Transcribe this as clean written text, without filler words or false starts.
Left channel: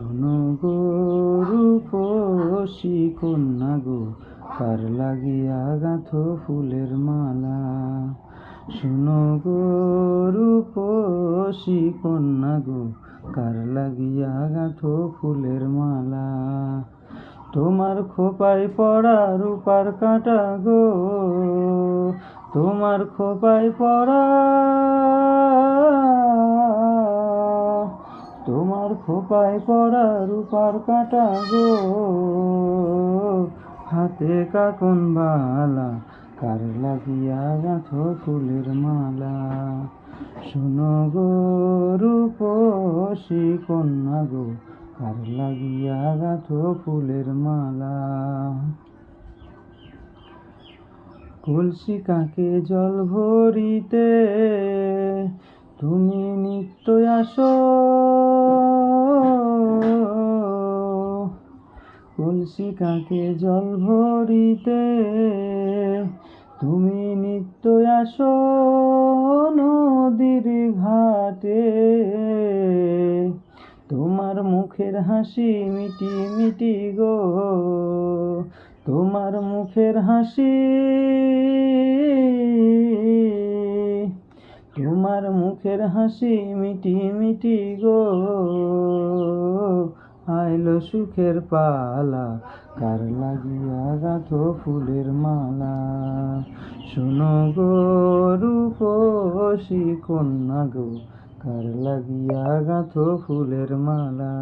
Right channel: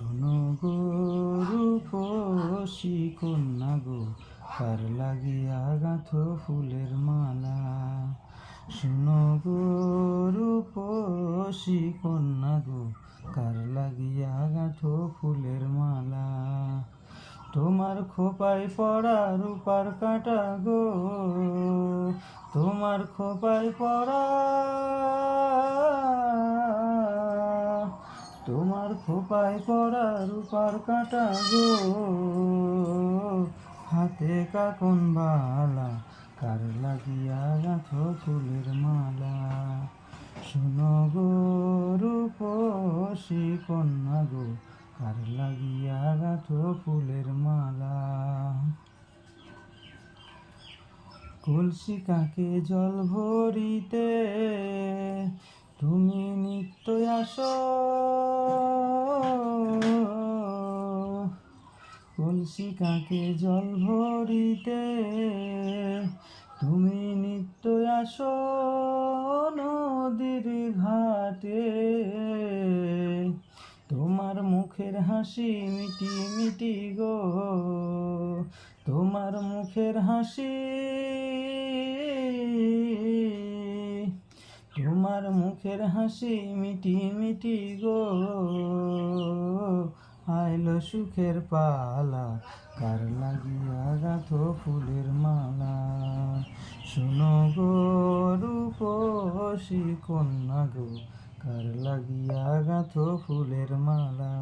শোনো গো রূপসী কন্যা গো, কার লাগিয়া গাঁথো ফুলের মালা। শোনো গো রূপসী কন্যা গো, কার লাগিয়া গাঁথো ফুলের মালা। তোমার খোপায় পড়া রূপার কাঁটা গো, তোমার খোপায় পড়া, তোমার খোপায় পড়া রূপার কাঁটা গো, হাতে কাকন বালা, কার লাগিয়া গাঁথো ফুলের মালা। শোনো গো রূপসী কন্যা গো, কার লাগিয়া গাঁথো ফুলের মালা। কলসি কাকে জল ভরিতে তুমি নিত্য আসো, কলসি কাকে জল ভরিতে তুমি নিত্য আসো নদীর ঘাটে। তোমার মুখের হাসি মিটি মিটি গো, তোমার মুখের হাসি, তোমার মুখের হাসি মিটি মিটি গো, আইলো সুখের পালা, কার লাগিয়া গাঁথো ফুলের মালা। শোনো গো রূপসী কন্যা গো, কার লাগিয়া গাঁথো ফুলের মালা।